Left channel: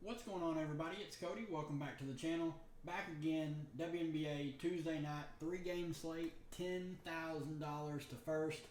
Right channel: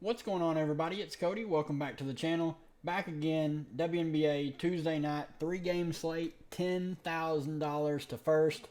What's going on, everybody? It's Cody. Welcome back to the channel. Back again, Wnba Tuesday night, 3-game slate, $10,000 to first.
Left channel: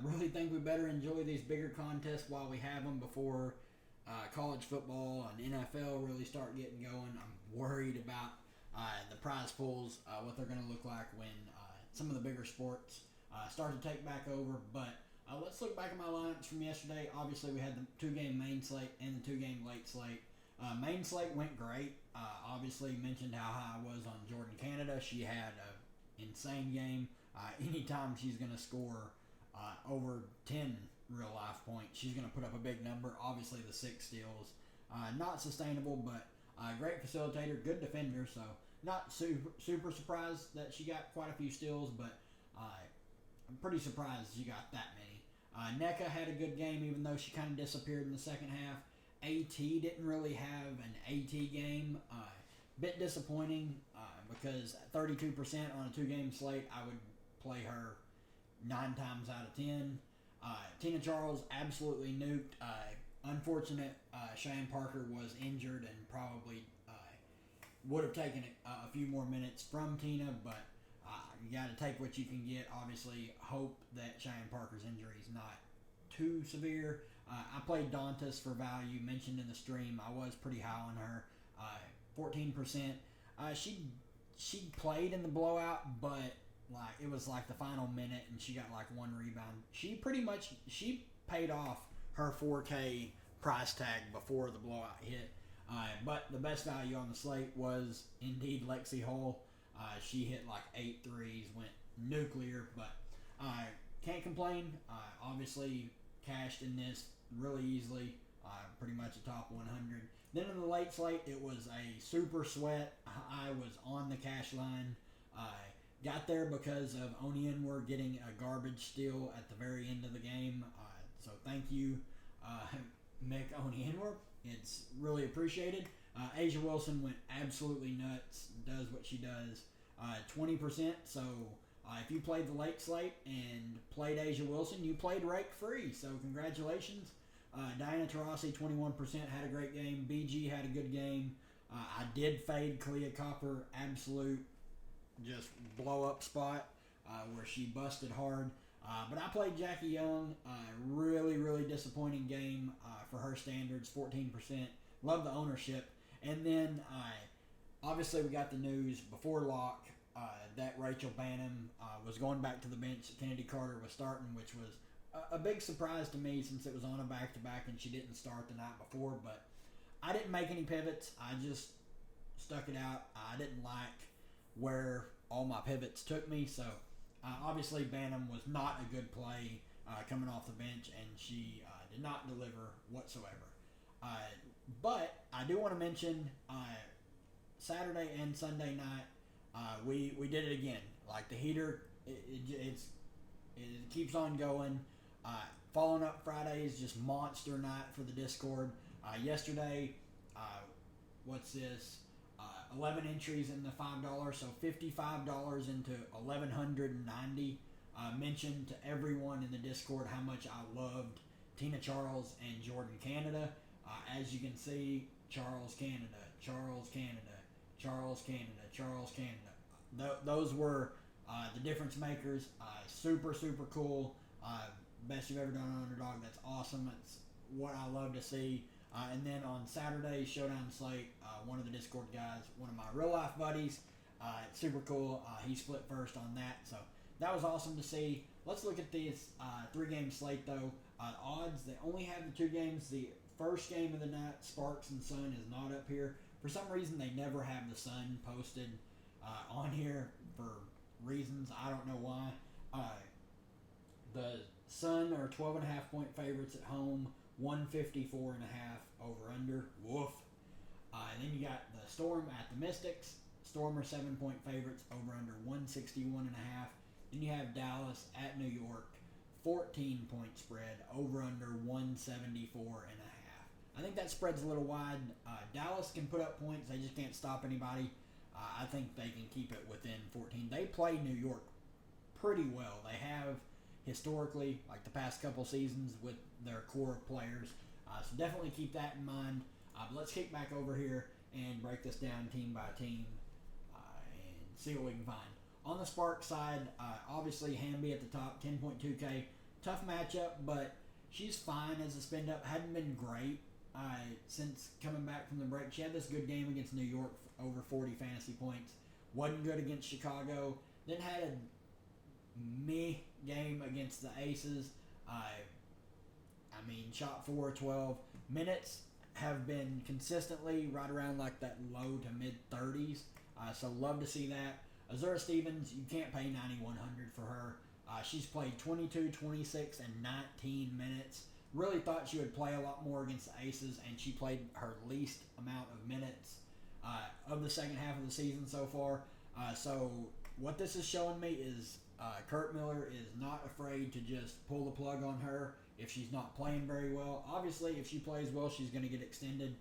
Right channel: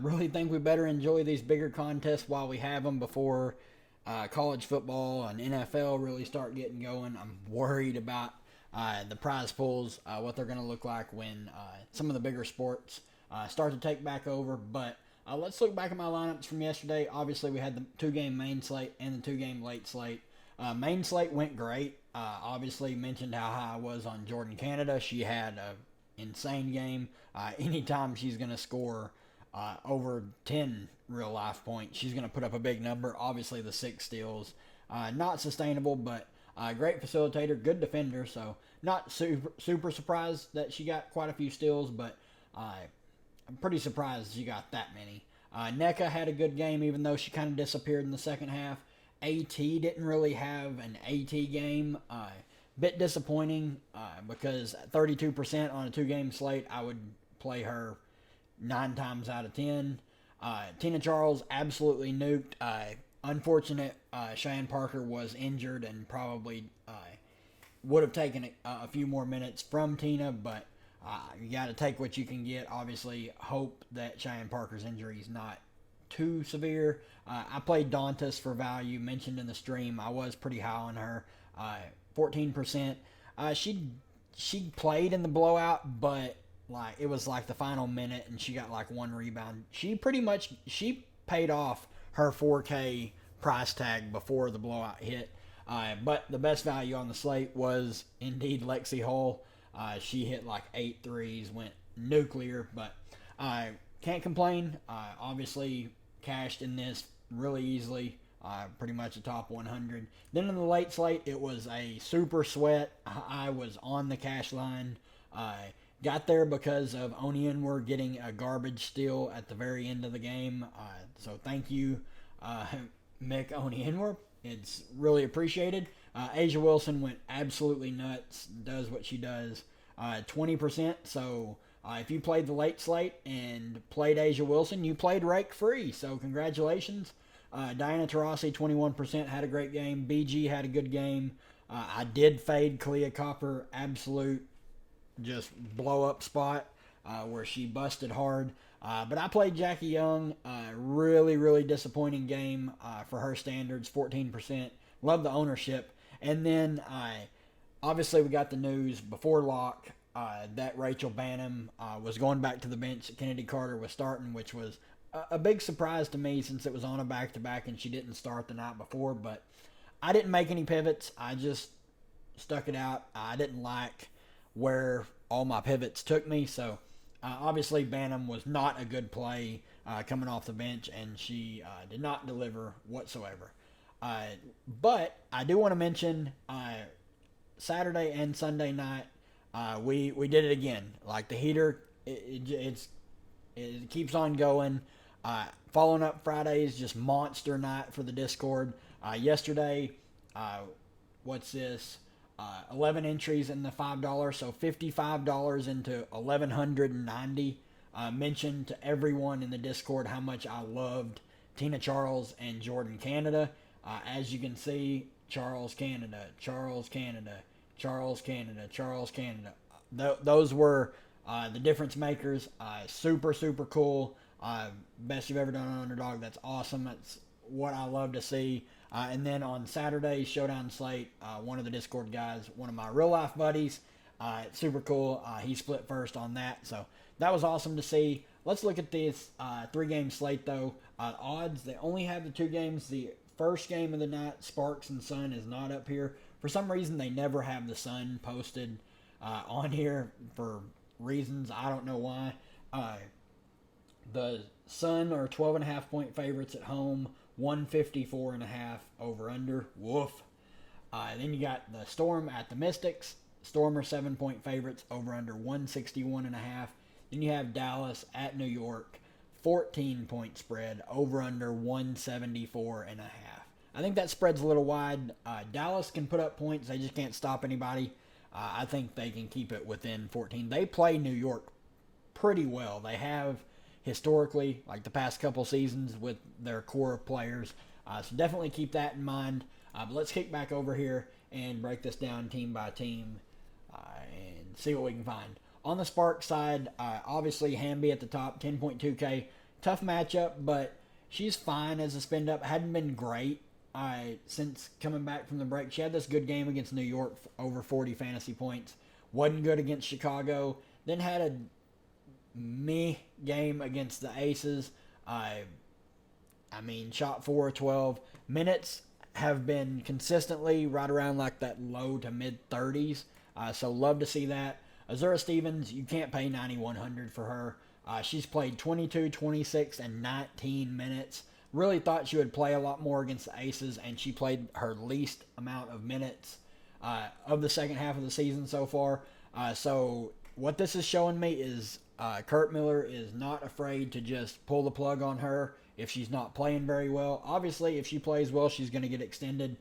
Really think we better enjoy these bigger contests while we have them before college football and NFL really start getting going. I'm worried about the prize pools, what they're going to look like when some of the bigger sports start to take back over. But let's look back at my lineups from yesterday. Obviously, we had the 2-game main slate and the 2-game late slate. Main slate went great. Obviously, mentioned how high I was on Jordan Canada. She had an insane game. Anytime she's going to score over 10 real life points, she's going to put up a big number. Obviously, the 6 steals. Not sustainable, but great facilitator, good defender. So, not super surprised that she got quite a few steals, but I'm pretty surprised she got that many. NECA had a good game, even though she kind of disappeared in the second half. AT didn't really have an AT game. Bit disappointing because 32% on a 2-game slate, I would play her 9 times out of 10. Tina Charles absolutely nuked. Unfortunate, Cheyenne Parker was injured and probably would have taken a few more minutes from Tina, but you got to take what you can get. Obviously, hope that Cheyenne Parker's injury is not too severe. I played Dantas for value, mentioned in the stream. I was pretty high on her, 14%. She played in the blowout, but like it was like the final minute, and she got like 1 rebound. She paid off her 4K price tag before the blowout hit. But the best value on the slate was indeed Lexi Hull. She hit like 8 threes, went nuclear, but can't complain. Obviously, cashed in this really easily, pretty much a top 100. Then in the late slate, it was a super sweat. I was on the cash line. Got there because of Wnba getting a garbage steal at the very end of the game. So thank you, Mick Wnba. It's really appreciated. Asia Wilson went absolutely nuts, does what she does. 20%, so if you played the late slate and played Asia Wilson, you played rake free. So congratulations. Diana Taurasi, 21%, had a great game. BG had a good game. I did fade Kalia Copper, absolute just blow up spot where she busted hard. But I played Jackie Young. Really disappointing game for her standards, 14%. Love the ownership. And then obviously we got the news before lock that Rachel Bannum was going back to the bench. Kennedy Carter was starting, which was a big surprise to me since it was on a back-to-back and she didn't start the night before. But I didn't make any pivots. I just stuck it out. I didn't like where all my pivots took me. So obviously Bannum was not a good play coming off the bench, and she did not deliver whatsoever. But I do want to mention Saturday and Sunday night, we did it again. Like the heater, it keeps on going. Following up Friday's just monster night for the Discord. Yesterday, what's this? 11 entries in the $5, so $55 into 1,190. Mentioned to everyone in the Discord how much I loved Tina Charles and Jordan Canada. As you can see, Charles Canada, Charles Canada, Charles Canada, Charles Canada. Those were the difference makers. Super cool. Best you've ever done on Underdog. That's awesome. That's what I love to see. And then on Saturday, Showdown Slate, one of the Discord guys, one of my real life buddies, super cool. He split first on that. So that was awesome to see. Let's look at this 3-game slate, though. Odds, they only have the 2 games. The first game of the night, Sparks and Sun, is not up here. For some reason, they never have the Sun posted on here for reasons. I don't know why. The Sun are 12.5 point favorites at home, 154.5 over under. Woof. Then you got the Storm at the Mystics. Storm are 7 point favorites over under 161.5. Then you have Dallas at New York, 14 point spread over under 174.5. I think that spread's a little wide. Dallas can put up points, they just can't stop anybody. I think they can keep it within 14. They play New York pretty well. They have historically, like the past couple seasons, with their core players. So definitely keep that in mind. But let's kick back over here and break this down team by team and see what we can find. On the Spark side, obviously Wnba at the top, 10.2K. Tough matchup, but she's fine as a spend up. Hadn't been great since coming back from the break. She had this good game against New York, over 40 fantasy points. Wasn't good against Chicago. Then had a meh game against the Aces. Shot 4 of 12. Minutes have been consistently right around like that low to mid 30s. So love to see that. Azura Stevens, you can't pay 9,100 for her. She's played 22, 26, and 19 minutes. Really thought she would play a lot more against the Aces, and she played her least amount of minutes of the second half of the season so far. So what this is showing me is Kurt Miller is not afraid to just pull the plug on her if she's not playing very well. Obviously, if she plays well, she's going to get extended.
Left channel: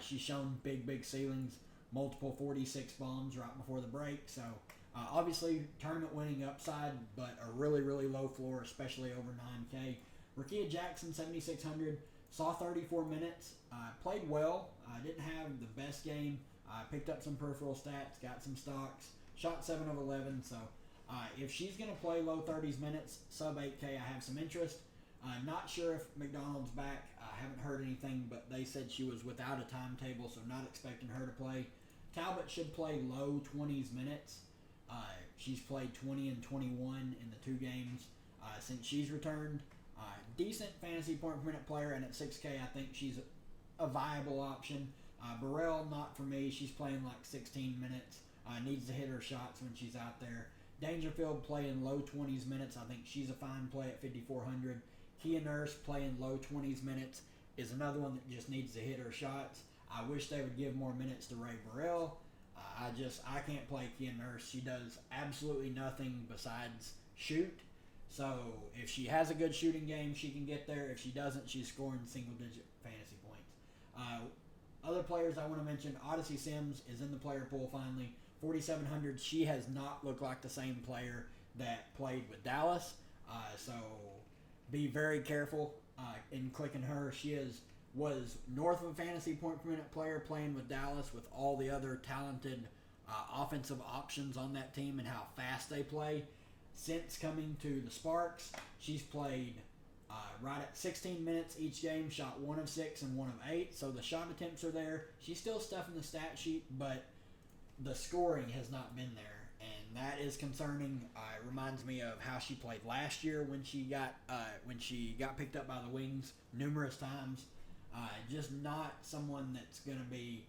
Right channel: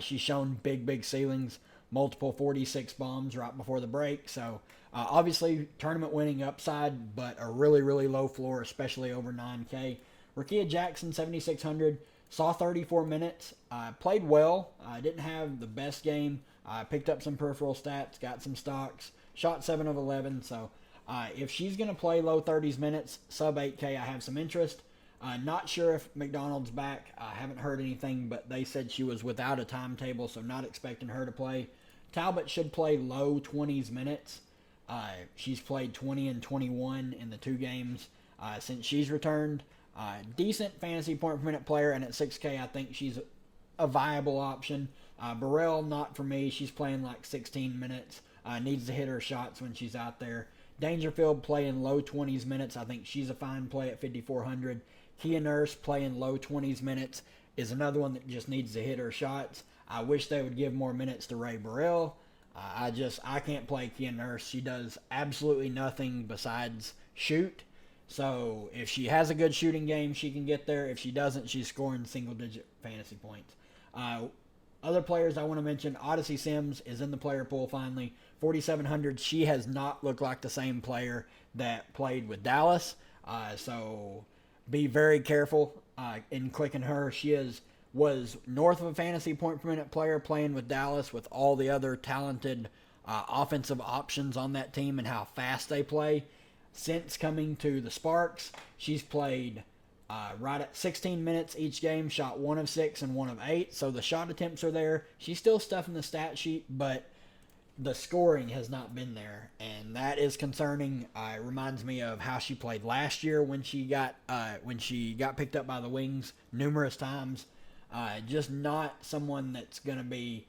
She's shown big ceilings, multiple 46 bombs right before the break. So obviously, tournament winning upside, but a really low floor, especially over 9K. Rakia Jackson, 7,600, saw 34 minutes, played well, didn't have the best game, picked up some peripheral stats, got some stocks, shot 7 of 11. So if she's going to play low 30s minutes, sub 8K, I have some interest. Not sure if McDonald's back. I haven't heard anything, but they said she was without a timetable, so not expecting her to play. Talbot should play low 20s minutes. She's played 20 and 21 in the 2 games since she's returned. Decent fantasy point per minute player, and at 6K, I think she's a viable option. Burrell, not for me. She's playing like 16 minutes. Needs to hit her shots when she's out there. Dangerfield playing low 20s minutes. I think she's a fine play at 5,400. Kia Nurse playing low 20s minutes is another one that just needs to hit her shots. I wish they would give more minutes to Ray Burrell. I can't play Kia Nurse. She does absolutely nothing besides shoot. So if she has a good shooting game, she can get there. If she doesn't, she's scoring single-digit fantasy points. Other players I want to mention, Odyssey Sims is in the player pool finally. 4,700. She has not looked like the same player that played with Dallas. So be very careful in clicking her. She was north of a fantasy point per minute player playing with Dallas with all the other talented offensive options on that team and how fast they play. Since coming to the Sparks, she's played right at 16 minutes each game, shot 1 of 6 and 1 of 8. So the shot attempts are there. She's still stuffing the stat sheet, but the scoring has not been there, and that is concerning. It reminds me of how she played last year when she got picked up by the Wings numerous times. Just not someone that's going to be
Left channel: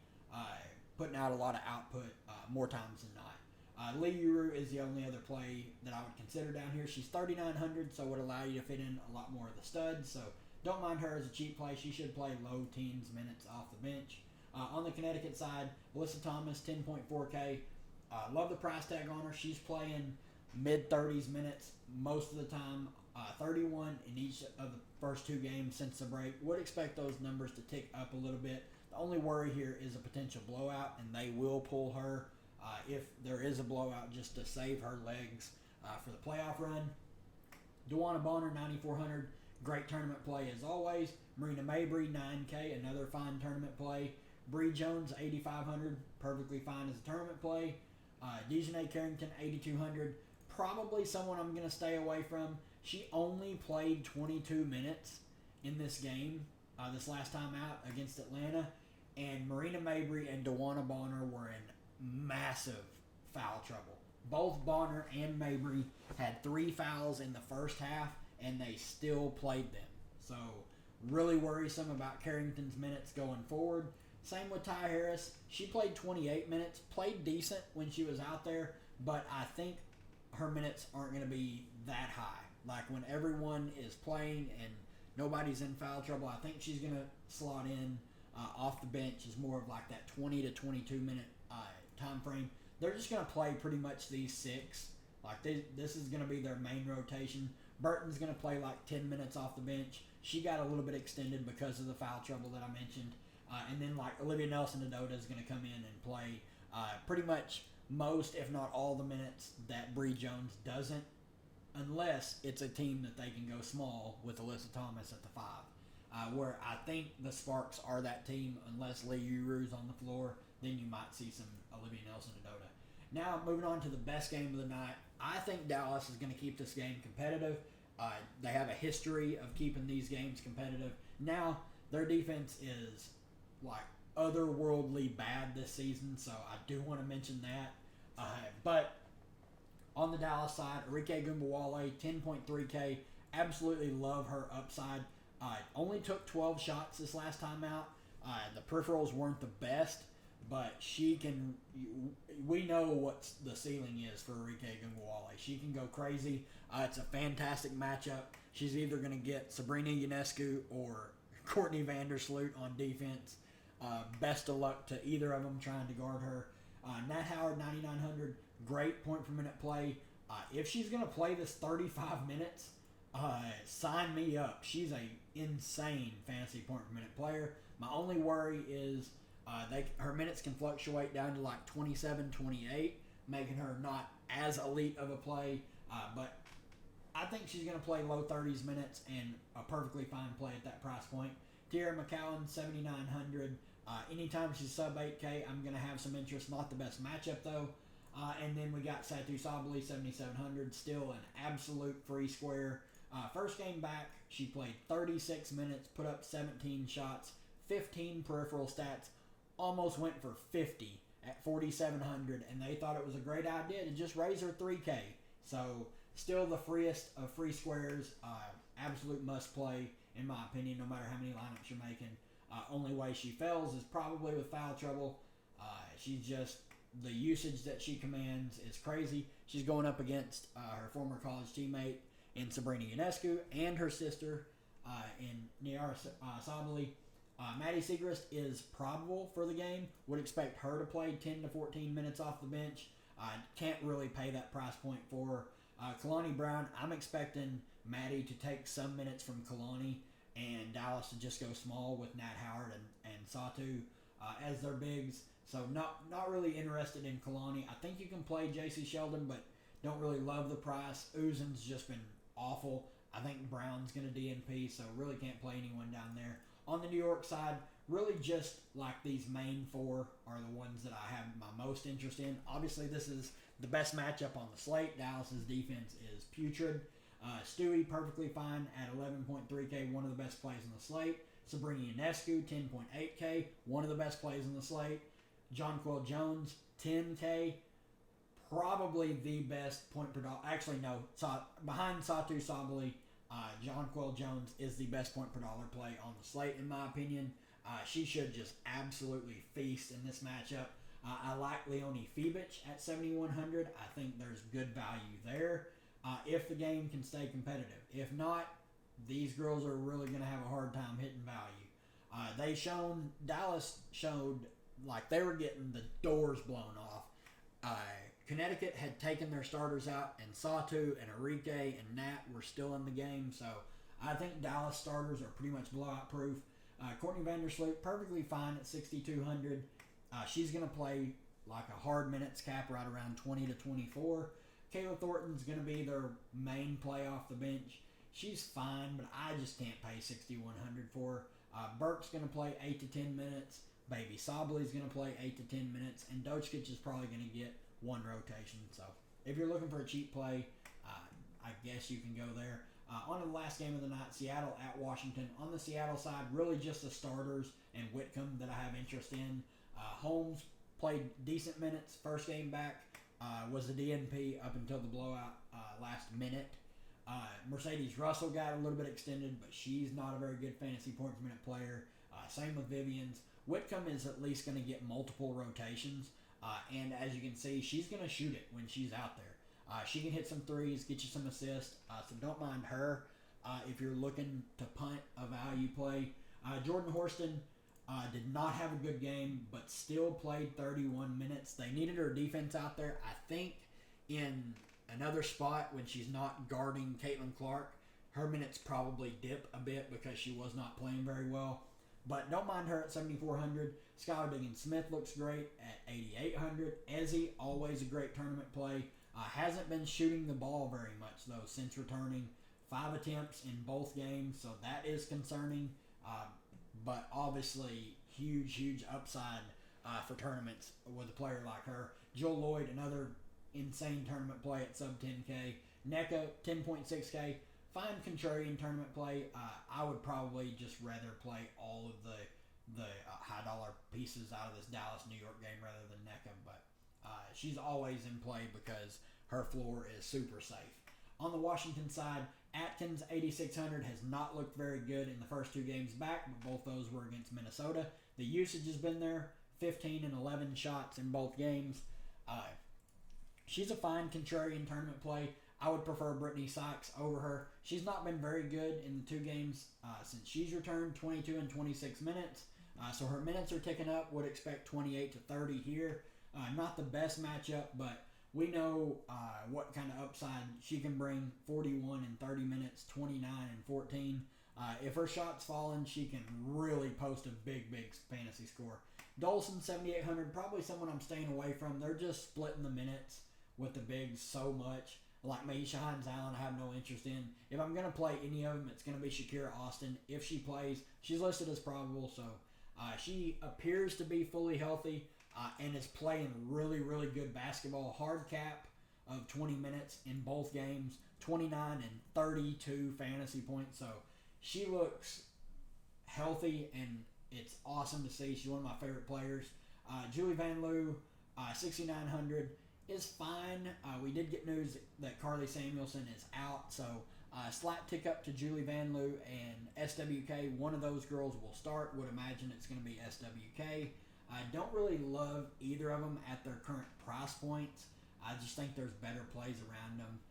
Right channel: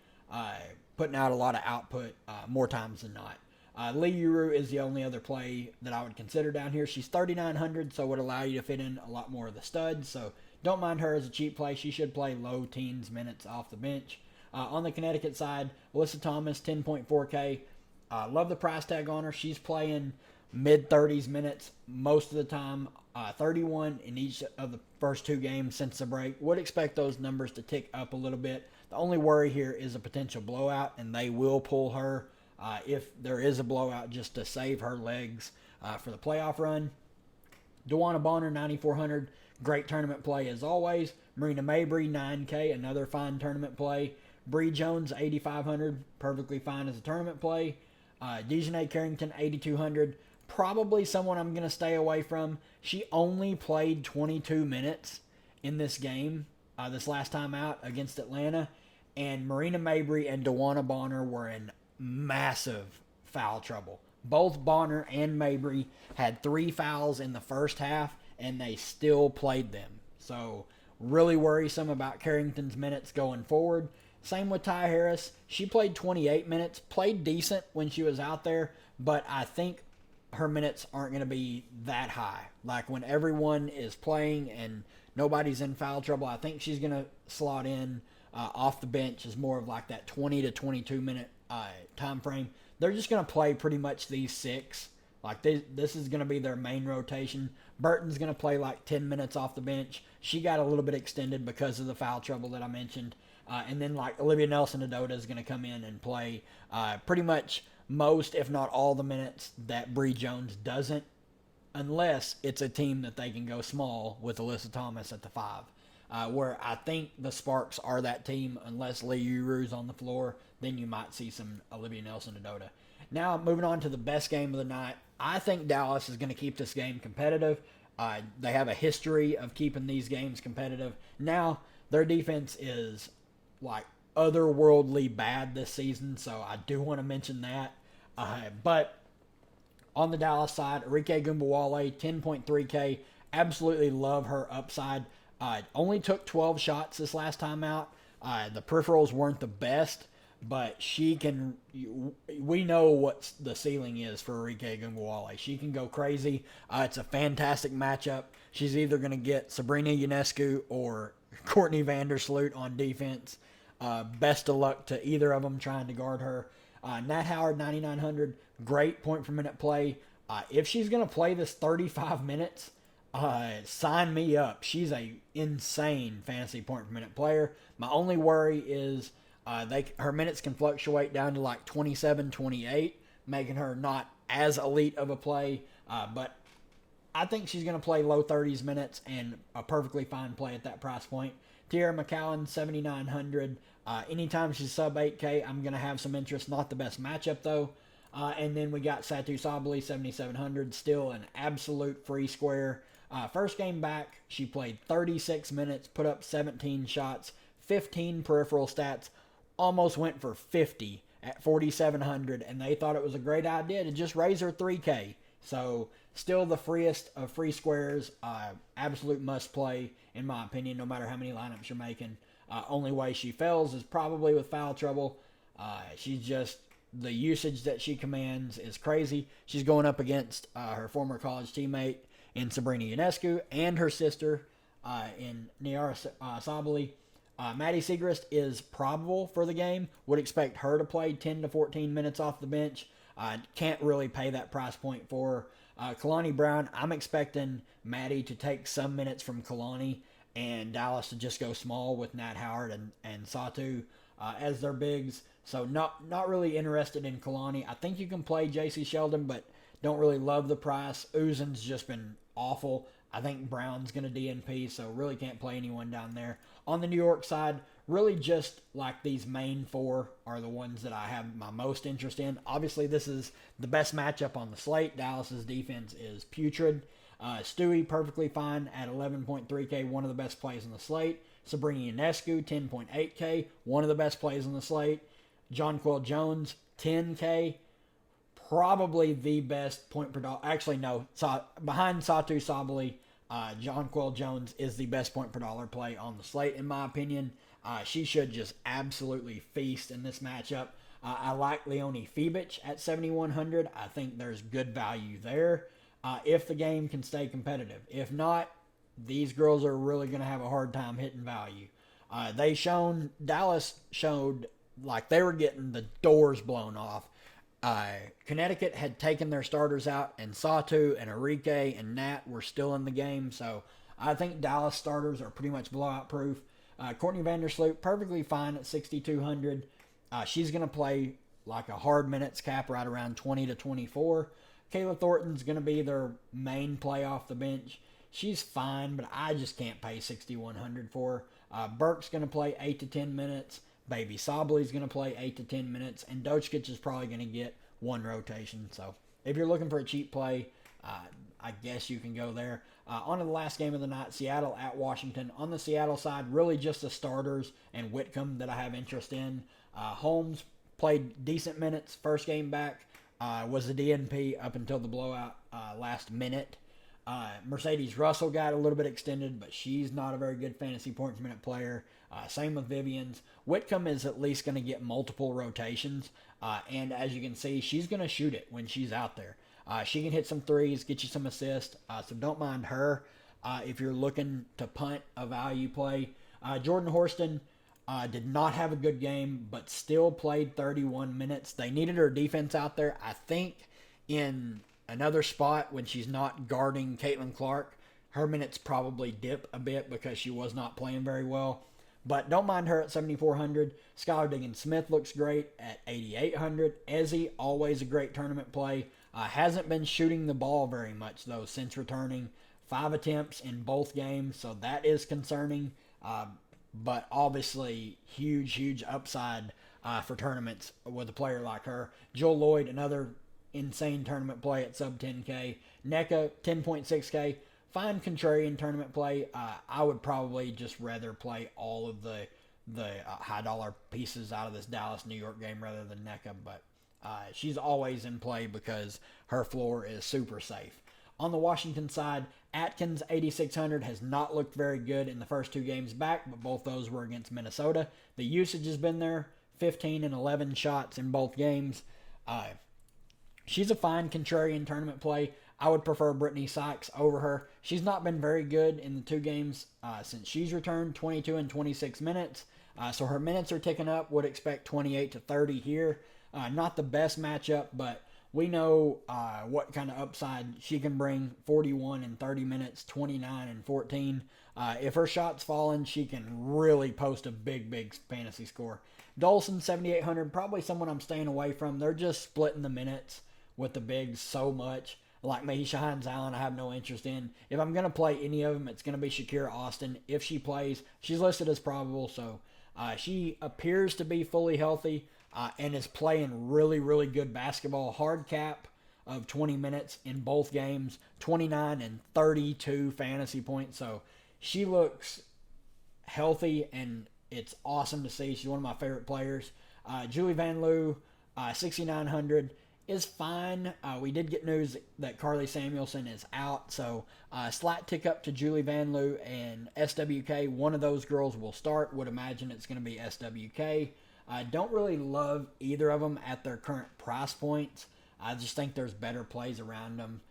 putting out a lot of output more times than not. Lee Yuru is the only other play that I would consider down here. She's 3,900, so would allow you to fit in a lot more of the studs. So don't mind her as a cheap play. She should play low teens minutes off the bench. On the Connecticut side, Alyssa Thomas, 10.4K. Love the price tag on her. She's playing mid-30s minutes most of the time. 31 in each of the first 2 games since the break. Would expect those numbers to tick up a little bit. The only worry here is a potential blowout, and they will pull her if there is a blowout just to save her legs for the playoff run. Wnba Bonner, 9,400. Great tournament play as always. Marina Mabry, 9K. Another fine tournament play. Bree Jones, 8,500. Perfectly fine as a tournament play. Dejanay Carrington, 8,200. Probably someone I'm going to stay away from. She only played 22 minutes in this game, this last time out against Atlanta. And Marina Mabry and Wnba Bonner were in massive foul trouble. Both Bonner and Mabry had 3 fouls in the first half, and they still played them. So really worrisome about Carrington's minutes going forward. Same with Ty Harris. She played 28 minutes, played decent when she was out there, but I think her minutes aren't going to be that high. Like when everyone is playing and nobody's in foul trouble, I think she's going to slot in off the bench as more of like that 20 to 22 minute time frame. They're just going to play pretty much these 6. Like this is going to be their main rotation. Burton's going to play like 10 minutes off the bench. She got a little bit extended because of the foul trouble that I mentioned. And then like Olivia Nelson-Adota is going to come in and play pretty much most, if not all, the minutes that Bree Jones doesn't, unless it's a team that they can go small with Alyssa Thomas at the 5. where I think the Sparks are that team. Unless Lee Uru's on the floor, then you might see some Olivia Nelson-Dodota. Now, moving on to the best game of the night, I think Dallas is going to keep this game competitive. They have a history of keeping these games competitive. Now, their defense is like otherworldly bad this season, so I do want to mention that. But on the Dallas side, Arike Gunbowale, 10.3K. Absolutely love her upside. Only took 12 shots this last time out. The peripherals weren't the best, but she can. We know what the ceiling is for Arike Gunbowale. She can go crazy. It's a fantastic matchup. She's either going to get Sabrina Ionescu or Courtney Vandersloot on defense. Best of luck to either of them trying to guard her. Nat Howard, 9,900. Great point per minute play. If she's going to play this 35 minutes, sign me up. She's a insane fantasy point per minute player. My only worry is her minutes can fluctuate down to like 27, 28, making her not as elite of a play. But I think she's going to play low 30s minutes and a perfectly fine play at that price point. Tierra McCowan, 7,900. Anytime she's sub 8K, I'm going to have some interest. Not the best matchup, though. And then we got Satu Sabali, 7,700. Still an absolute free square. First game back, she played 36 minutes, put up 17 shots, 15 peripheral stats, almost went for 50 at 4,700, and they thought it was a great idea to just raise her 3K. So still the freest of free squares. Absolute must play, in my opinion, no matter how many lineups you're making. Only way she fails is probably with foul trouble. She's just, the usage that she commands is crazy. She's going up against her former college teammate in Sabrina Ionescu and her sister in Niara Sabali. Maddie Siegrist is probable for the game. Would expect her to play 10 to 14 minutes off the bench. Can't really pay that price point for her. Kalani Brown, I'm expecting Maddie to take some minutes from Kalani and Dallas to just go small with Nat Howard and Satu as their bigs. So not really interested in Kalani. I think you can play J.C. Sheldon, but don't really love the price. Uzin's just been awful. I think Brown's going to DNP, so really can't play anyone down there. On the New York side, really just like these main four are the ones that I have my most interest in. Obviously, this is the best matchup on the slate. Dallas's defense is putrid. Stewie, perfectly fine at 11.3K, one of the best plays on the slate. Sabrina Ionescu, 10.8K, one of the best plays on the slate. Jonquel Jones, 10K, probably the best point per dollar. Actually, no, behind Satu Sabali, Jonquel Jones is the best point per dollar play on the slate, in my opinion. She should just absolutely feast in this matchup. I like Leonie Fibic at 7,100. I think there's good value there if the game can stay competitive. If not, these girls are really going to have a hard time hitting value. Dallas showed like they were getting the doors blown off. Connecticut had taken their starters out, and Satu and Arike and Nat were still in the game. So I think Dallas starters are pretty much blowout proof. Courtney Vandersloot, perfectly fine at 6,200. She's going to play like a hard minutes cap right around 20 to 24. Kayla Thornton's going to be their main play off the bench. She's fine, but I just can't pay 6,100 for her. Burke's going to play 8 to 10 minutes. Baby Sabali's going to play 8 to 10 minutes. And Dochkic is probably going to get one rotation. So if you're looking for a cheap play, I guess you can go there. On to the last game of the night, Seattle at Washington. On the Seattle side, really just the starters and Whitcomb that I have interest in. Holmes played decent minutes. First game back was the DNP up until the blowout last minute. Mercedes Russell got a little bit extended, but she's not a very good fantasy point per minute player. Same with Vivian's. Whitcomb is at least going to get multiple rotations. And as you can see, she's going to shoot it when she's out there. She can hit some threes, get you some assists. So don't mind her if you're looking to punt a value play. Jordan Horston did not have a good game, but still played 31 minutes. They needed her defense out there. I think in another spot when she's not guarding Caitlin Clark, her minutes probably dip a bit because she was not playing very well. But don't mind her at 7,400. Skylar Diggins-Smith looks great at 8,800. Ezzy, always a great tournament play. Hasn't been shooting the ball very much, though, since returning. 5 attempts in both games, so that is concerning. But obviously huge upside for tournaments with a player like her. Jill Lloyd, another insane tournament play at sub 10K. NECA, 10.6K. Fine contrarian tournament play. I would probably just rather play all of the high dollar pieces out of this Dallas New York game rather than NECA, but she's always in play because her floor is super safe. On the Washington side, Atkins 8600 has not looked very good in the first 2 games back, but both those were against Minnesota. The usage has been there, 15 and 11 shots in both games. She's a fine contrarian tournament play. I would prefer Brittany Sykes over her. She's not been very good in the 2 games since she's returned, 22 and 26 minutes. So her minutes are ticking up. Would expect 28 to 30 here. Not the best matchup, but we know what kind of upside she can bring. 41 in 30 minutes, 29 and 14. If her shot's falling, she can really post a big fantasy score. Dolson, 7,800, probably someone I'm staying away from. They're just splitting the minutes with the bigs so much. Like Mahisha Hines Allen, I have no interest in. If I'm going to play any of them, it's going to be Shakira Austin. If she plays, she's listed as probable, so she appears to be fully healthy and is playing really good basketball. Hard cap of 20 minutes in both games, 29 and 32 fantasy points. So she looks healthy, and it's awesome to see. She's one of my favorite players. Julie Van Loo, 6,900. Is fine. We did get news that Carly Samuelson is out, so slight tick up to Julie Van Loo and SWK. One of those girls will start. Would imagine it's going to be SWK. I don't really love either of them at their current price points. I just think there's better plays around them.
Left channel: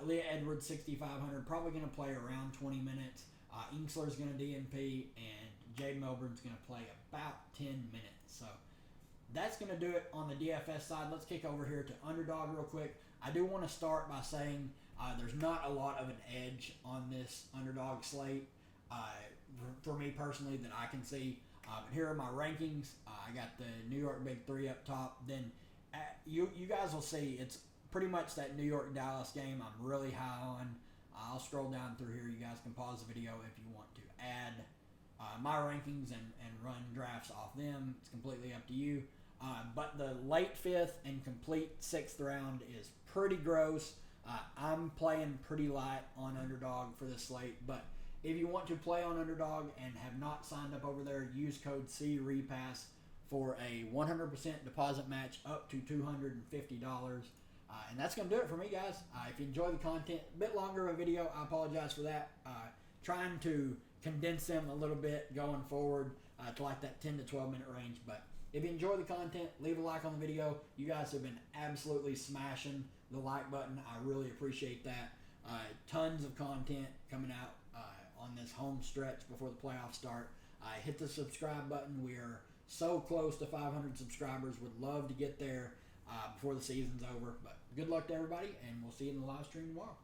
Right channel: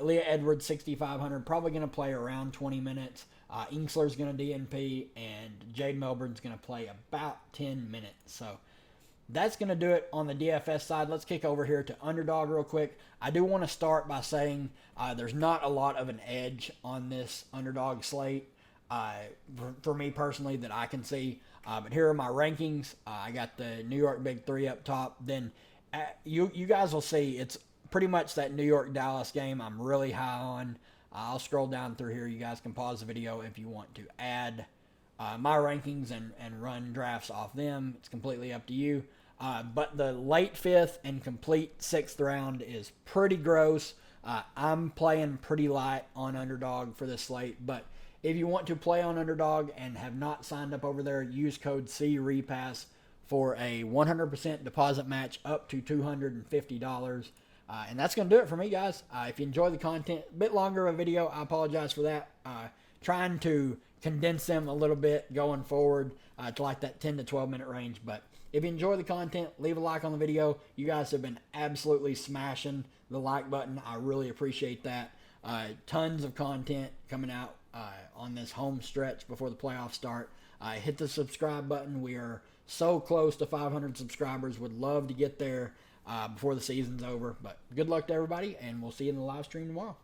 Leah Edwards, 6,500, probably going to play around 20 minutes. Inksler's going to DNP, and Jade Melbourne's going to play about 10 minutes. So that's going to do it on the DFS side. Let's kick over here to Underdog real quick. I do want to start by saying there's not a lot of an edge on this Underdog slate for me personally that I can see. But here are my rankings. I got the New York Big Three up top. Then you guys will see it's pretty much that New York-Dallas game I'm really high on. I'll scroll down through here. You guys can pause the video if you want to add my rankings and run drafts off them. It's completely up to you. But the late 5th and complete 6th round is pretty gross. I'm playing pretty light on Underdog for this slate, but if you want to play on Underdog and have not signed up over there, use code CREPASS for a 100% deposit match up to $250. And that's going to do it for me, guys. If you enjoy the content, a bit longer of a video, I apologize for that. Trying to condense them a little bit going forward to like that 10 to 12 minute range. But if you enjoy the content, leave a like on the video. You guys have been absolutely smashing the like button. I really appreciate that. Tons of content coming out on this home stretch before the playoffs start. Hit the subscribe button. We are so close to 500 subscribers. Would love to get there before the season's over. But good luck to everybody, and we'll see you in the live stream tomorrow.